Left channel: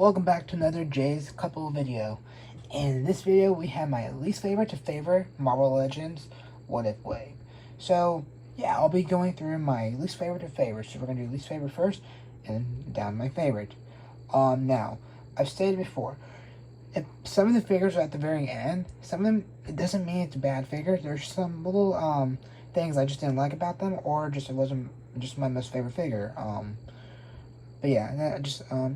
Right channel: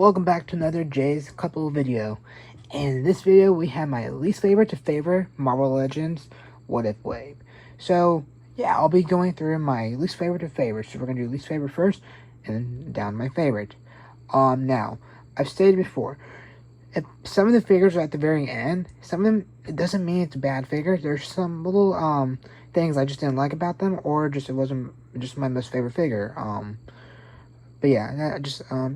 Welcome back to another Jay's Couple video. In this video, we have my least favorite to favorite Marvel Legends What If Wave. So, yeah, I'll be going through my least favorite to favorite. So we're going to do least favorite first, and then down to my favorite. Now, I've stated before, if some of the figures are at the very end, some of them, it doesn't mean it's bad figures. There's some little, things I just didn't like about them, or just it wasn't just my most favorite figure. But yeah,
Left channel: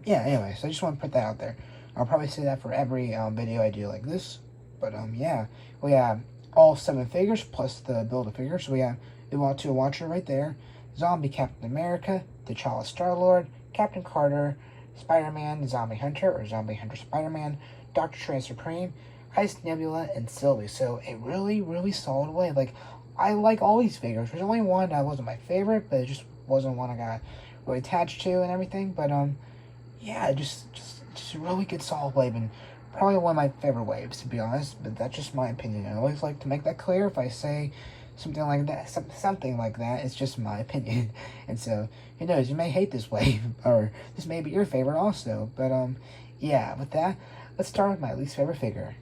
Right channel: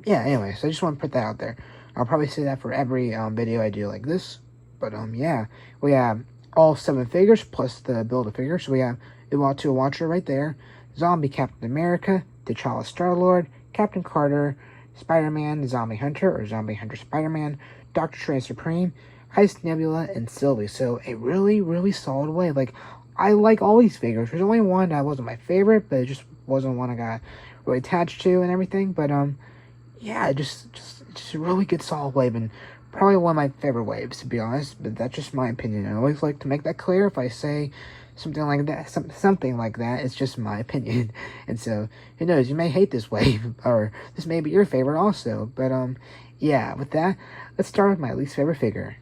anyways, I just want to put that out there. I'll probably say that for every video I do like this. But yeah, we have all 7 figures plus the Build-A-Figure. So we have Uatu Watcher right there, Zombie Captain America, T'Challa StarLord, Captain Carter, Spider-Man Zombie Hunter or Zombie Hunter Spider-Man, Doctor Strange Supreme, Heist Nebula, and Sylvie. So a really, really solid way. Like, I like all these figures. There's only one that wasn't my favorite, but it just wasn't one I got really attached to and everything. But yeah, just a really good solid wave, and probably one of my favorite waves, to be honest. But that's just my opinion. I always like to make that clear. If I say something like that, it's just my opinion. And so, who knows, you may hate this wave, or this may be your favorite also. But yeah, with that, let's start with my least favorite figure.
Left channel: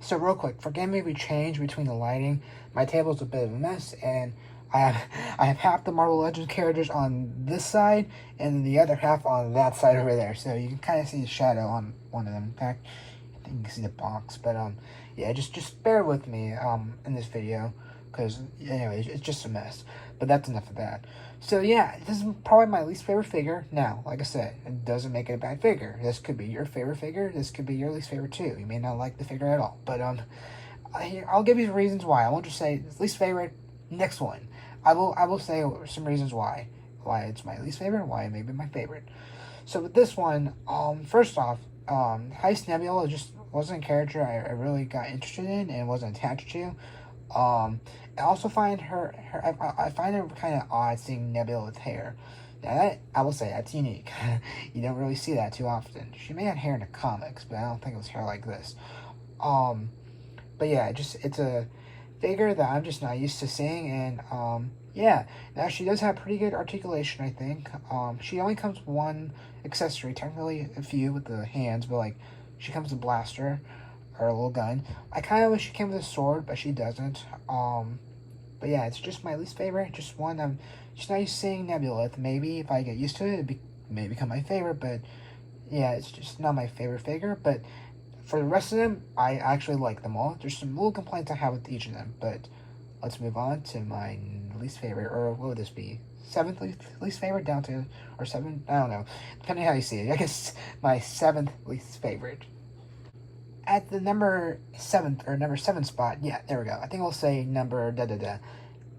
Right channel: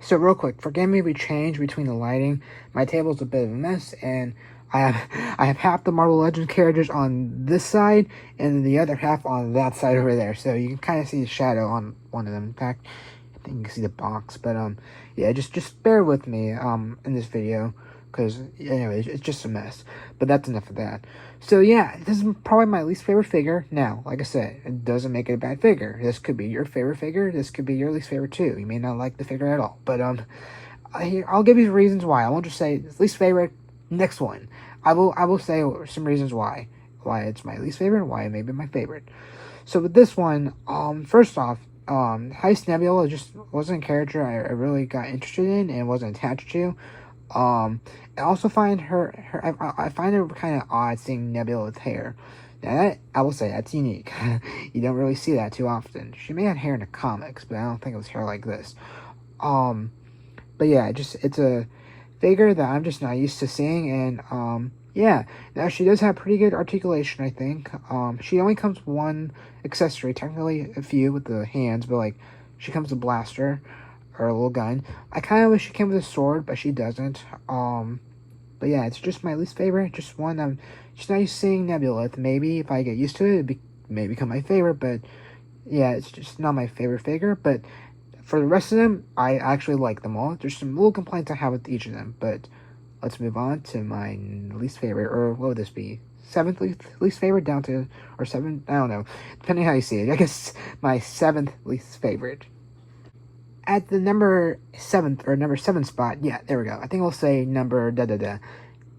So real quick, forgive me if we change between the lighting. My table's a bit of a mess, and I have half the Marvel Legends characters on this side, and then the other half on that side over there. So you can kind of see the shadow on one of them. In fact, I think you can see the box. But yeah, just bear with me in this video, because anyway, it's just a mess. But that's enough of that. So yeah, this is probably my least favorite figure. Now, like I said, it doesn't make it a bad figure. This could be your favorite figure. This could be your least favorite too. You may not like the figure at all. But I'll give you reasons why. I won't just say least favorite. Next one, I will say some reasons why it's my least favorite and why it may be my favorite. So with this one, first off, Heist Nebula just wasn't a character I really got interested in and wasn't attached to. I also find I find it kind of odd seeing Nebula with hair. Now that, I will say, that's unique. You don't really see that too often. She may have hair in the comics, but I don't think it was hair like this. But yeah, it's a figure that I'm just not used to seeing, and yeah, now she does have pretty good articulation, I think. She only comes with one accessory, technically a few with the hands, but like, she comes with a blaster or a little gun. I kind of wish she came with a sword, but she doesn't. But yeah, it's just my least favorite, just one I'm just not used to seeing Nebula with. Maybe if I get used to it, may become my favorite, but yeah, it's just not my favorite figure. But for the rest of them, I actually like them all. There's some little complaints I have with each of them, but let's move on to my least favorite, or what would this be? 7th least favorite down to, or 7th, I don't know, depending how you see it. I guess my 7th least favorite. At the number 7 spot, yeah, there we go. I think we'll say number da-da-da.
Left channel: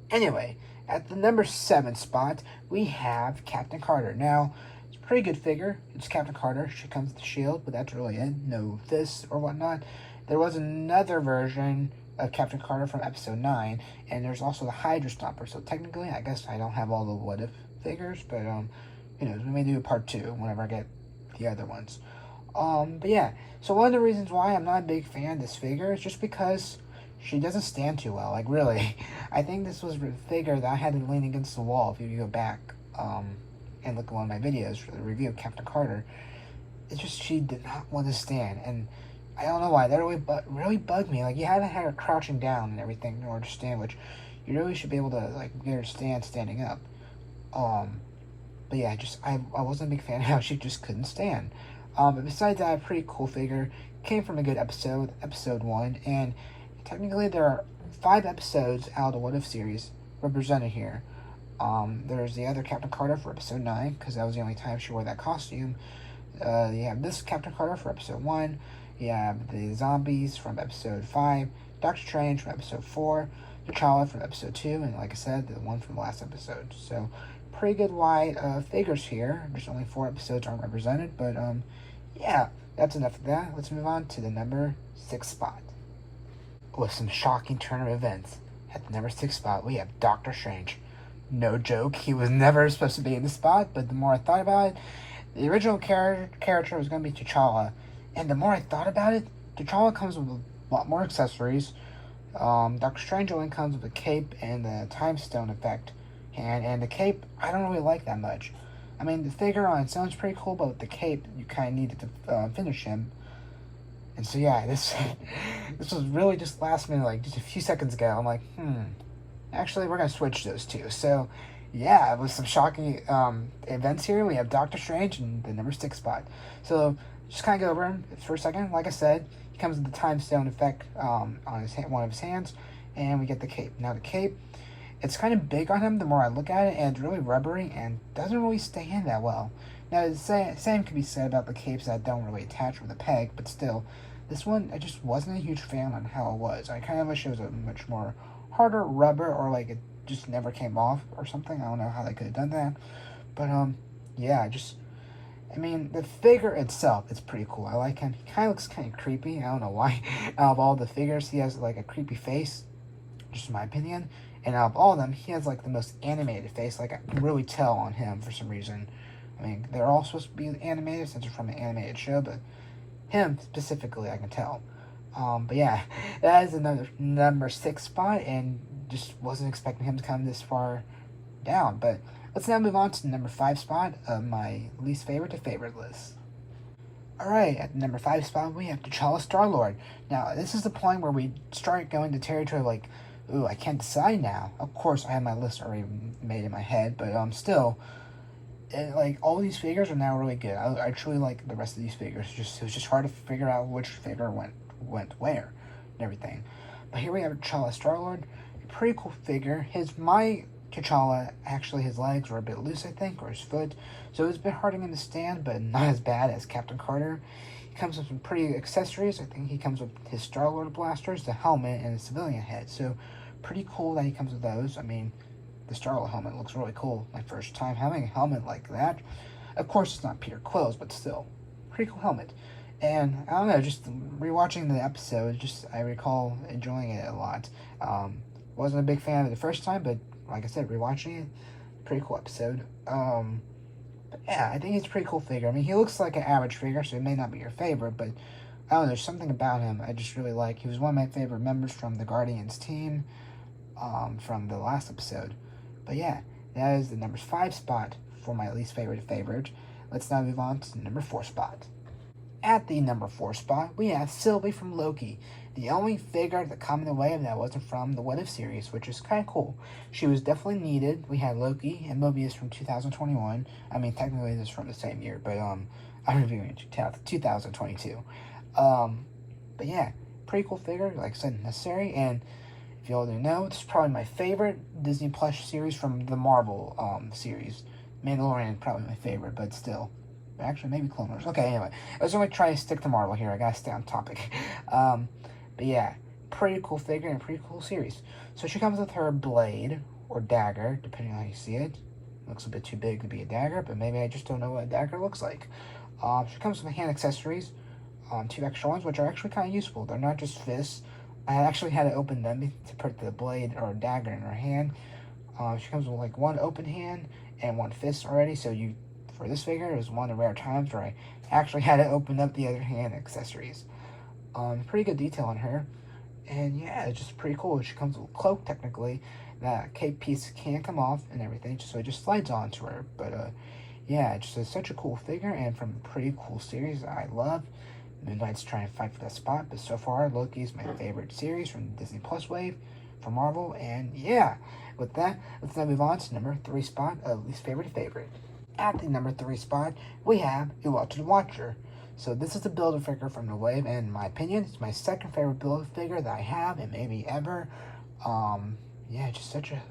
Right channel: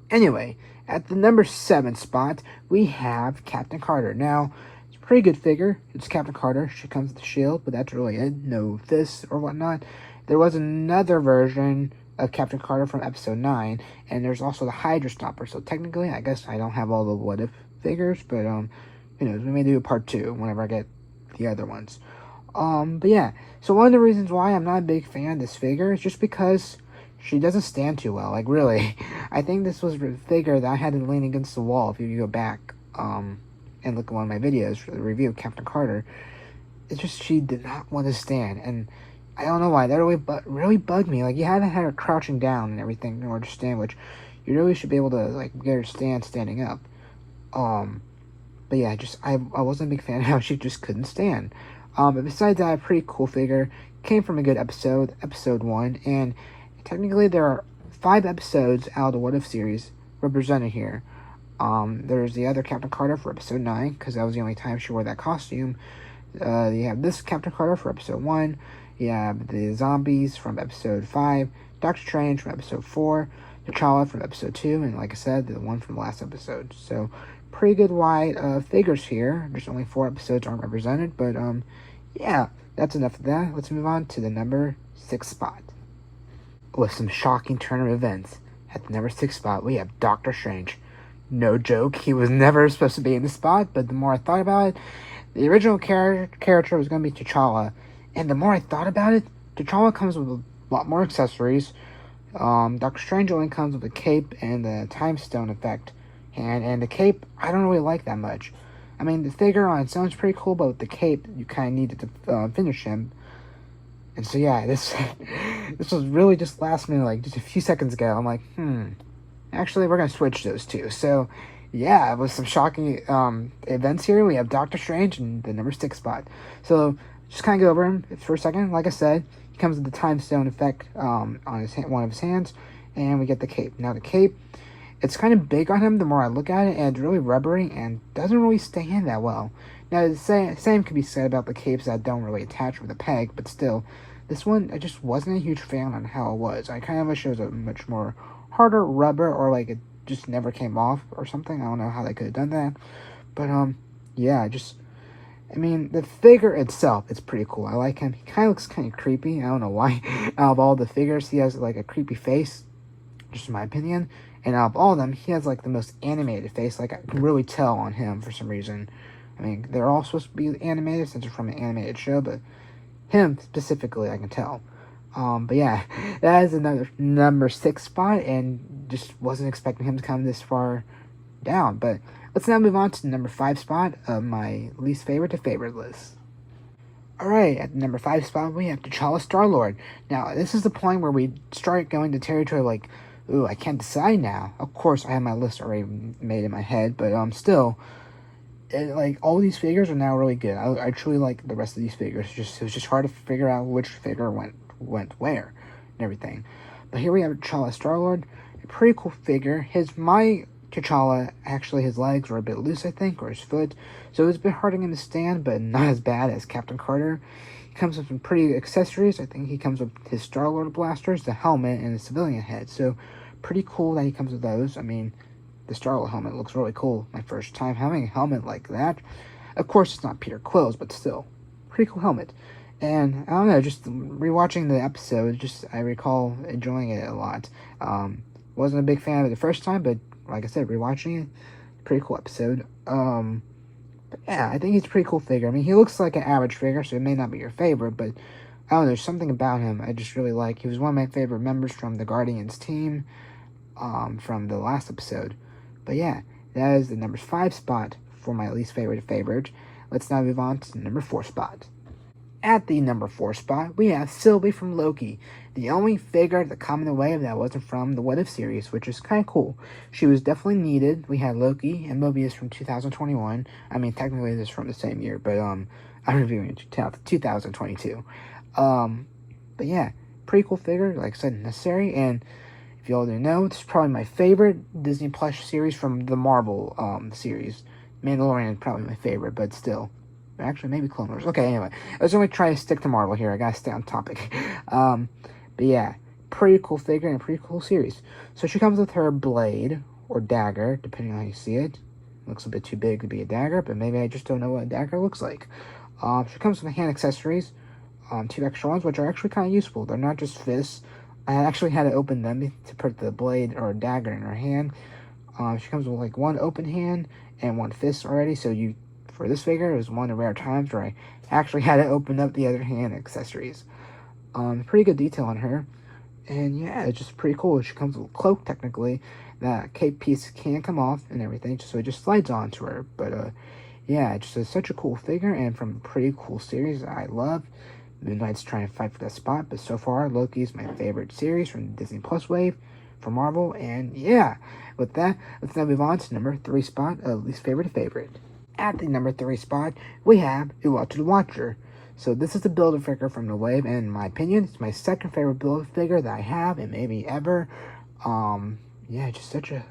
Anyway, at the number 7 spot, we have Captain Carter. Now, pretty good figure. It's Captain Carter. She comes with the shield, but that's really it. No fists or whatnot. There was another version of Captain Carter from episode 9, and there's also the Hydra Stopper. So technically, I guess I don't have all the what if figures, but you know, we may do a part 2 whenever I get the other ones. But yeah, so one of the reasons why I'm not a big fan of this figure is just because she doesn't stand too well. Like, really, I think this was a figure that I had to lean against the wall. If you go back and look at one of my videos for the review of Captain Carter, it's just she did not want to stand, and I don't know why. That really bugged me. Like, you haven't had her crouching down and everything in order to stand, which you really should be able to like get her standing up. But yeah, I wasn't a big fan of how she just couldn't stand. But besides that, a pretty cool figure. Came from a good episode 1, and technically there are 5 episodes out of the What If series represented here. There's the other Captain Carter for episode 9, because that was the only time she wore that costume. You have this Captain Carter for episode 1. You have the zombies from episode 5. Doctor Strange from episode 4. T'Challa from episode 2. And like I said, the one from the last episode. So, pretty good wide figures here. There's only 4 episodes aren't represented. But, yeah, that's enough of that. Let's move on to the number 6 spot. With some shocking turn of events. At the number 6 spot, we have Doctor Strange. No joke, he was never supposed to be in the spot, but the more I thought about it, the original character was going to be T'Challa, and the more I thought about it, T'Challa comes with a lot more accessories. Doctor Strange only comes with a cape and the time stone effect, and the cape I don't really like that much. I mean, the figure on its own is pretty cool, but with the cape, you kind of needed to finish him. And so yeah, this this was really just last minute, like just a few seconds ago. I'm like, actually we're gonna switch those two. So yeah, with some shocking events here, we have Doctor Strange and the number 6 spot. So just kind of go over him for a second. Like I said, he comes with the time stone effect on his one of his hands, and we get the cape. Now the cape, it's kind of big on him the more I look at it, and it's really rubbery and doesn't really stay in that well. Now the same could be said about the capes that don't really attach with a peg, but still, this one I just wasn't a huge fan on how it was. I kind of wish it was a much more harder rubber, or like it just never came off or something. I don't know how they could have done that, but yeah, I mean, the figure itself, it's pretty cool. I like him. He kind of looks kind of creepy. I don't know why. Out of all the figures, he has like a creepy face, just in my opinion. And out of all of them, he has like the most animated face. Like, I can really tell on him for some reason. I mean, they're all supposed to be animated since they're from an animated show, but him specifically, I can tell. But yeah, that is another number 6 spot, and just wasn't expecting him to come this far down. But let's now move on to the number 5 spot of my least favorite to favorite list. Alright, at the number 5 spot, we have T'Challa StarLord. Now, this is the point where we start going to territory like, ooh, I can't decide now. Of course, I have my list already made in my head, but still, like, all these figures are now really good. I truly like the rest of these figures. It was just hard to figure out which figure went where and everything. But here we have T'Challa StarLord, a pretty cool figure. My T'Challa, actually his legs were a bit loose, I think, or his foot, so it was a bit hard to him to stand, but not as bad as Captain Carter. He comes with some pretty accessories. I think he comes with his StarLord blasters, the helmet, and a civilian head, so pretty cool that he comes with those. I mean, the StarLord helmet looks really cool. My first time having a helmet like that. Of course, it's not Peter Quill's, but still, pretty cool helmet. And I don't know, just rewatching the episode, I recall enjoying it a lot. Wasn't a big fan of it the first time, but like I said, rewatching it, pretty cool episode. But yeah, I think he's a pretty cool figure. I mean, he looks like an average figure, so it may not be your favorite, but I don't know, there's something about him I just really like. He was one of my favorite members from the Guardians team, from the last episode. But yeah, that is the number 5 spot for my least favorite. Let's now move on to the number 4 spot. At the number 4 spot, we have Sylvie from Loki, the only figure to come in the wave that wasn't from the What If series, which is kind of cool. She was definitely needed. We had Loki and Mobius from 2021. I mean, technically this is from the same year, but I'm reviewing 2022. But yeah, pretty cool figure, like I said, necessary. And if you all didn't know, this is probably my favorite Disney Plus series from the Marvel series. Mandalorian is probably my favorite, but still. Actually, maybe Clone Wars. Okay, anyway. I was going to try to stick to Marvel here. I gotta stay on topic. But yeah, pretty cool figure and a pretty cool series. So she comes with her blade, or dagger, depending on how you see it. Looks a bit too big to be a dagger, but maybe I just don't know what a dagger looks like. She comes with hand accessories, 2 extra ones, which are actually kind of useful. They're not just fists. I actually had to open them to put the blade or dagger in her hand. She comes with like 1 open hand and 1 fist already, so for this figure, it was one of the rare times where I actually had to open up the other hand accessories. Pretty good detail on her. And yeah, it's just pretty cool. She comes with a cloak, technically. That cape piece can come off and everything, so it just slides onto her. But yeah, it's just such a cool figure, and from a pretty cool series that I love. Moon Knight's trying to fight for that spot, but so far, Loki's my favorite series from the Disney Plus wave for Marvel. And yeah, with that, let's now move on to number 3 spot of least favorite to favorite. At the number 3 spot, we have Uatu the Watcher. So this is the Build-A-Figure from the wave, and in my opinion, it's my second favorite Build-A-Figure that I have, and maybe ever. Yeah, just such a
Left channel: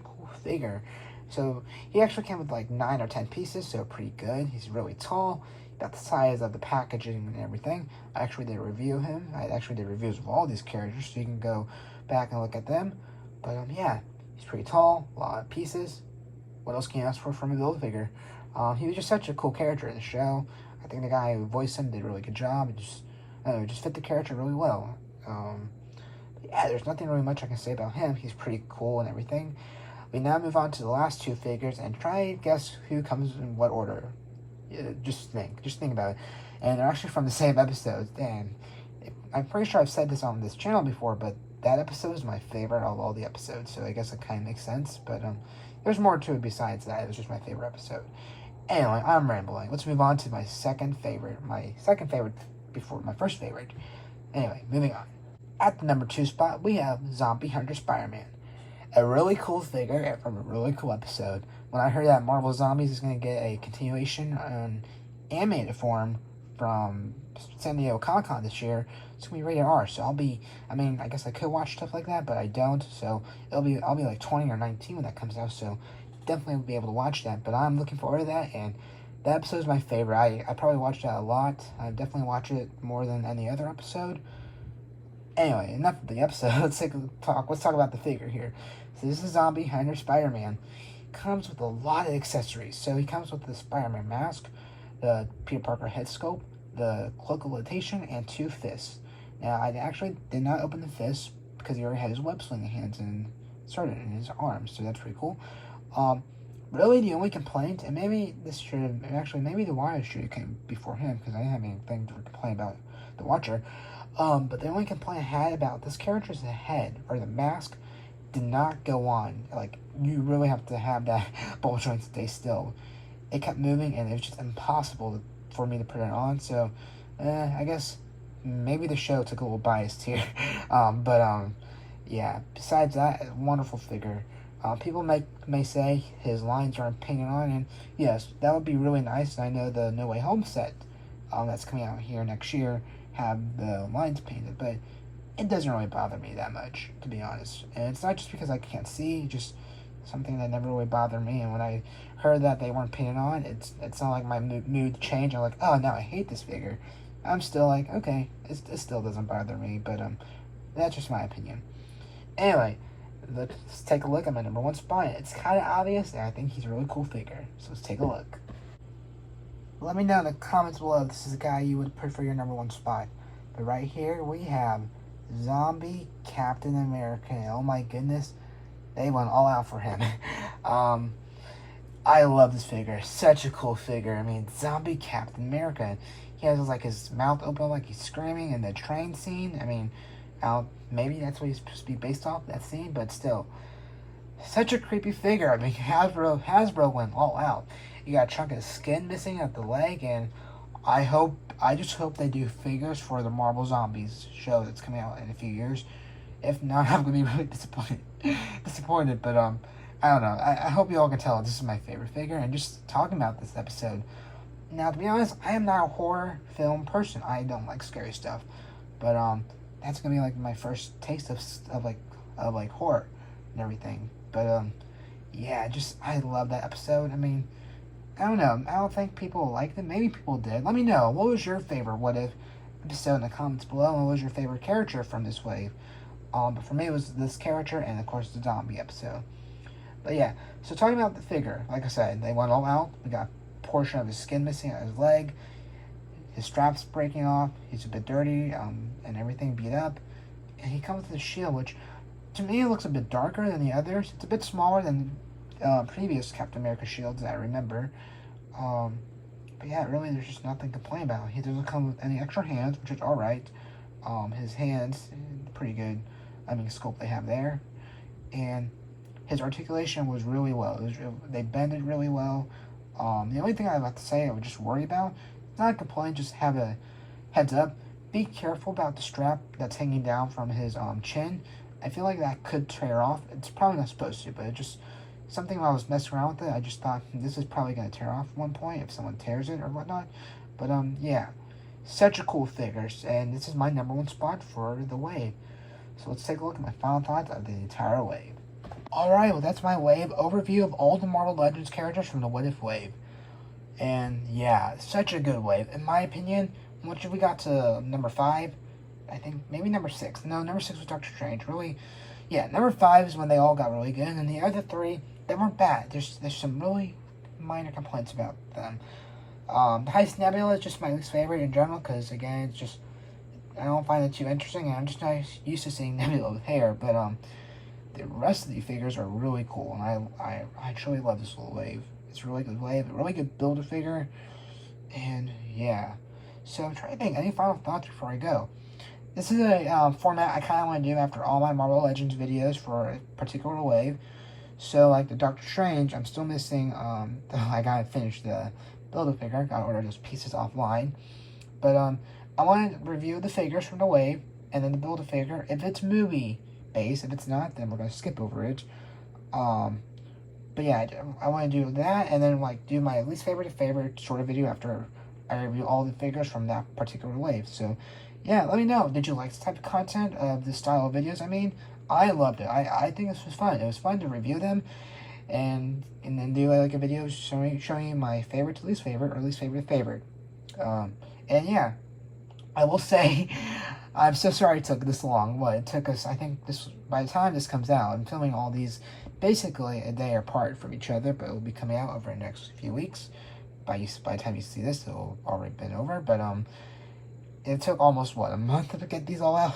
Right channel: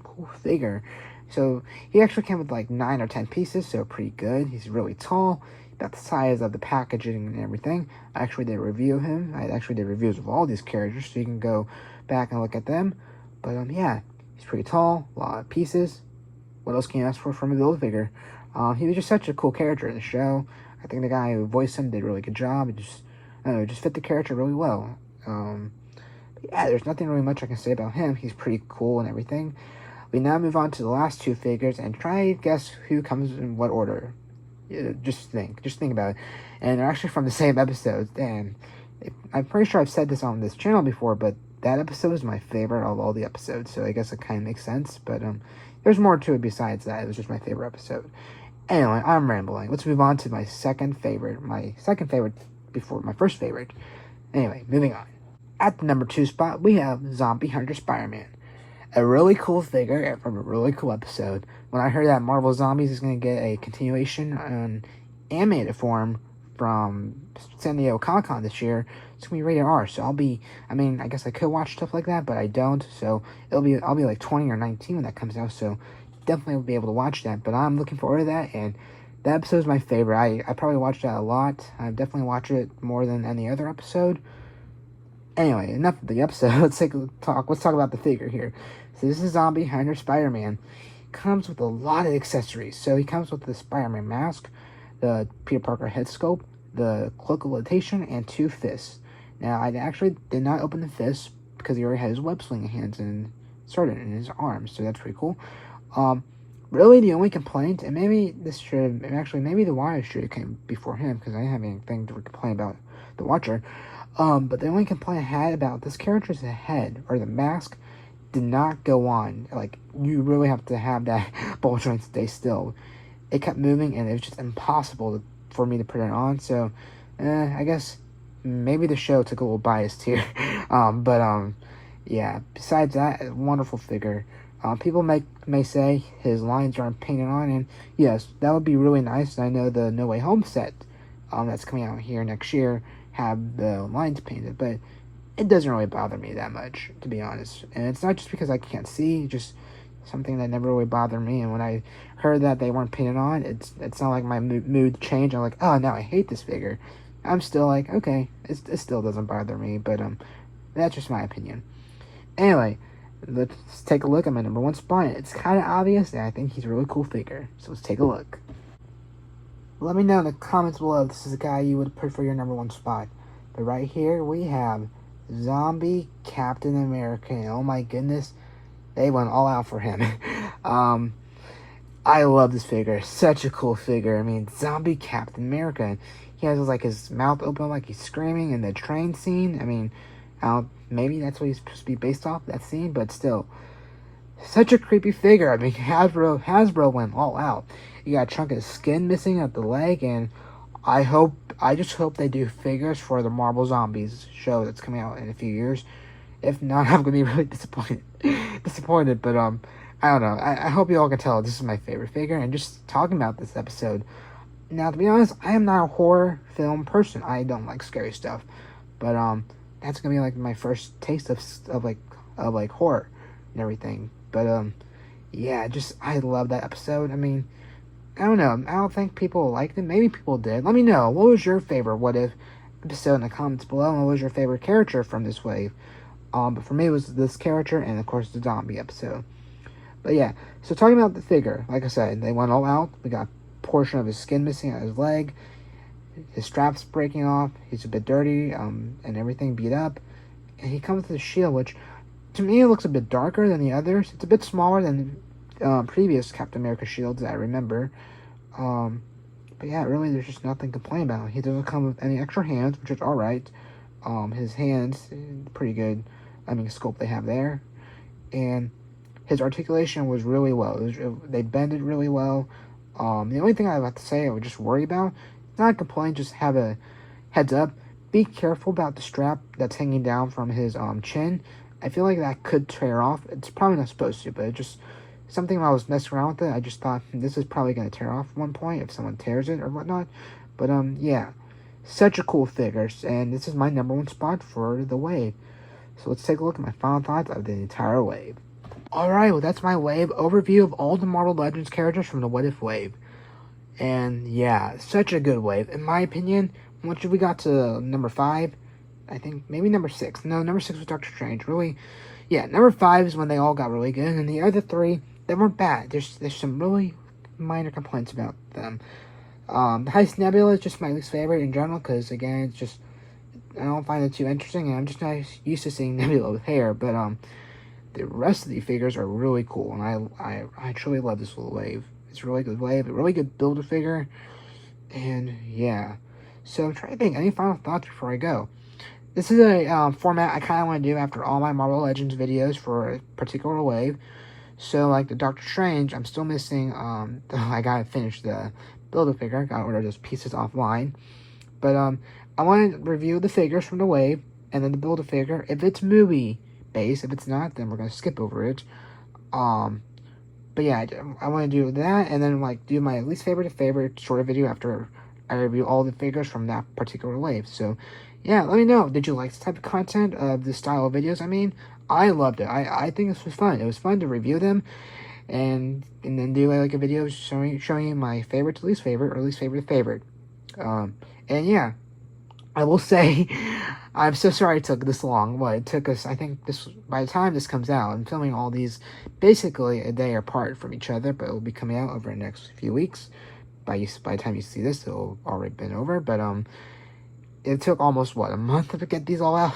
cool figure. So he actually came with like 9 or 10 pieces, so pretty good. He's really tall, about the size of the packaging and everything. I actually did a review of him. I actually did reviews of all these characters, so you can go back and look at them. But yeah, he's pretty tall, a lot of pieces. What else can you ask for from a Build-A-Figure? He was just such a cool character in the show. I think the guy who voiced him did a really good job. It just fit the character really well. Yeah, there's nothing really much I can say about him. He's pretty cool and everything. We now move on to the last 2 figures and try to guess who comes in what order. Yeah, just think about it. And they're actually from the same episodes. And I'm pretty sure I've said this on this channel before, but that episode is my favorite of all the episodes. So I guess it kind of makes sense. But there's more to it besides that. It was just my favorite episode. Anyway, I'm rambling. Let's move on to my second favorite. My second favorite before my first favorite. Anyway, moving on. At the number 2 spot, we have Zombie Hunter Spider-Man. A really cool figure from a really cool episode. When I heard that Marvel Zombies is going to get a continuation in animated form from San Diego Comic-Con this year, it's going to be rated R. So I guess I could watch stuff like that, but I don't. So I'll be like 20 or 19 when that comes out. So definitely will be able to watch that. But I'm looking forward to that, and that episode is my favorite. I probably watched that a lot. I've definitely watched it more than any other episode. Anyway, enough of the episode. Let's talk about the figure here. So this is Zombie Hunter Spider-Man. Comes with a lot of accessories. So he comes with the Spider-Man mask, the Peter Parker head sculpt, the cloak of levitation, and 2 fists. Now, I actually did not open the fists because he already had his web swinging hands and started in his arms. So that's pretty cool. Really, the only complaint, and maybe the Wire should have came before him because I didn't have anything to complain about the Watcher. But the only complaint I had about this character's head, or the mask, did not go on. Like, you really have to have that ball joint stay still. It kept moving, and it was just impossible for me to put it on. So, I guess maybe the show took a little biased here. Yeah. Besides that, wonderful figure. People may say his lines aren't painted on, and yes, that would be really nice. I know the No Way Home set that's coming out here next year have the lines painted, but it doesn't really bother me that much, to be honest. And it's not just because I can't see, just something that never really bothered me. And when I heard that they weren't painted on, it's not like my mood changed. I'm like, oh, now I hate this figure. I'm still like, okay, it still doesn't bother me, but that's just my opinion. Anyway, let's take a look at my number 1 spot. It's kind of obvious, and I think he's a really cool figure. So let's take a look. Let me know in the comments below if this is a guy you would put for your number 1 spot. But right here we have Zombie Captain America. And oh my goodness, they went all out for him. I love this figure. Such a cool figure. I mean, Zombie Captain America. He has like his mouth open like he's screaming in the train scene. I mean, maybe that's what he's supposed to be based off, that scene, but still. Such a creepy figure. I mean, Hasbro went all out. You got a chunk of skin missing at the leg, and I just hope they do figures for the Marvel Zombies show that's coming out in a few years. If not, I'm gonna be really disappointed. But I don't know. I hope you all can tell this is my favorite figure. And just talking about this episode. Now, to be honest, I am not a horror film person. I don't like scary stuff. But that's gonna be like my first taste of horror and everything. But yeah, I love that episode. I mean, I don't know. I don't think people liked it. Maybe people did. Let me know. What was your favorite What If episode in the comments below? And what was your favorite character from this wave? But for me, it was this character and, of course, the zombie episode. But yeah, so talking about the figure, like I said, they went all out. We got a portion of his skin missing on his leg. His strap's breaking off. He's a bit dirty and everything beat up. And he comes with a shield, which, to me, it looks a bit darker than the others. It's a bit smaller than previous Captain America shields that I remember. But yeah, really, there's just nothing to complain about. He doesn't come with any extra hands, which is alright. His hands, pretty good. I mean, sculpt they have there. And his articulation was really well. They bended really well. The only thing I have to say I would just worry about, not complain, just have a heads up. Be careful about the strap that's hanging down from his chin. I feel like that could tear off. It's probably not supposed to, but it just something when I was messing around with it, I just thought this is probably going to tear off at one point if someone tears it or whatnot. But yeah, such a cool figure, and this is my number 1 spot for the wave. So let's take a look at my final thoughts of the entire wave. Alright, well that's my wave overview of all the Marvel Legends characters from the What If wave. And yeah, such a good wave. In my opinion, once we got to number 5, I think maybe number 6. No, number 6 was Doctor Strange. Really, yeah, number 5 is when they all got really good, and the other 3, they weren't bad. There's some really minor complaints about them. The Heist Nebula is just my least favorite in general, because again, it's just, I don't find it too interesting, and I'm just not used to seeing Nebula with hair, but the rest of the figures are really cool, and I truly love this little wave. It's a really good wave, a really good build-a-figure, and yeah. So I'm trying to think, any final thoughts before I go? This is a format I kind of want to do after all my Marvel Legends videos for a particular wave. So like the Doctor Strange, I'm still missing. I gotta finish the Build-A-Figure. I gotta order those pieces offline. But I want to review the figures from the wave and then the Build-A-Figure. If it's movie based, if it's not, then we're gonna skip over it. But yeah, I want to do that and then like do my least favorite to favorite sort of video after I review all the figures from that particular wave. So yeah, let me know. Did you like this type of content, of this style of videos? I mean, I loved it. I think this was fun. It was fun to review them and then do like a video showing you my favorite to least favorite or least favorite to favorite. And yeah, I will say, I'm so sorry it took this long. Well, it took us, I think this, by the time this comes out, I'm filming all these basically a day apart from each other, but it will be coming out over the next few weeks. By the time you see this, it'll already been over. But it took almost, what, a month to get these all out?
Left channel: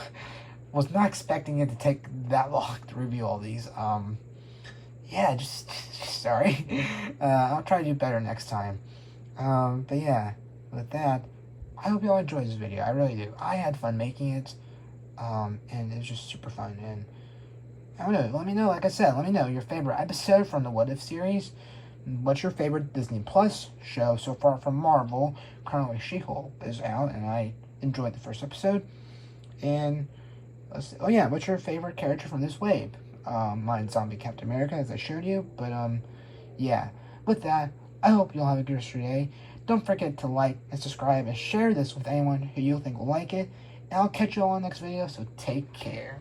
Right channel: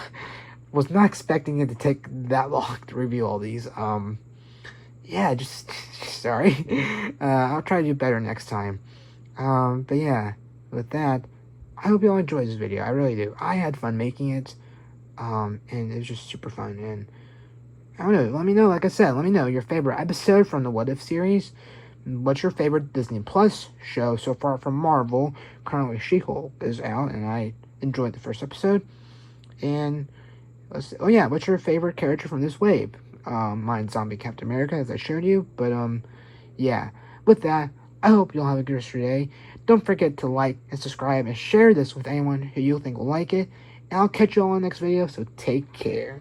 Was not expecting it to take that long to review all these. Yeah, just sorry. I'll try to do better next time. But yeah, with that, I hope you all enjoyed this video. I really do. I had fun making it, and it was just super fun. And I don't know, let me know, like I said, let me know your favorite episode from the What If series. What's your favorite Disney Plus show so far from Marvel? Currently, She-Hulk is out, and I enjoyed the first episode. And let's see, oh yeah, what's your favorite character from this wave? Mine's Zombie Captain America, as I showed you. But yeah, with that, I hope you'll have a good rest of your day. Don't forget to like and subscribe and share this with anyone who you think will like it. And I'll catch you all in the next video, so take care.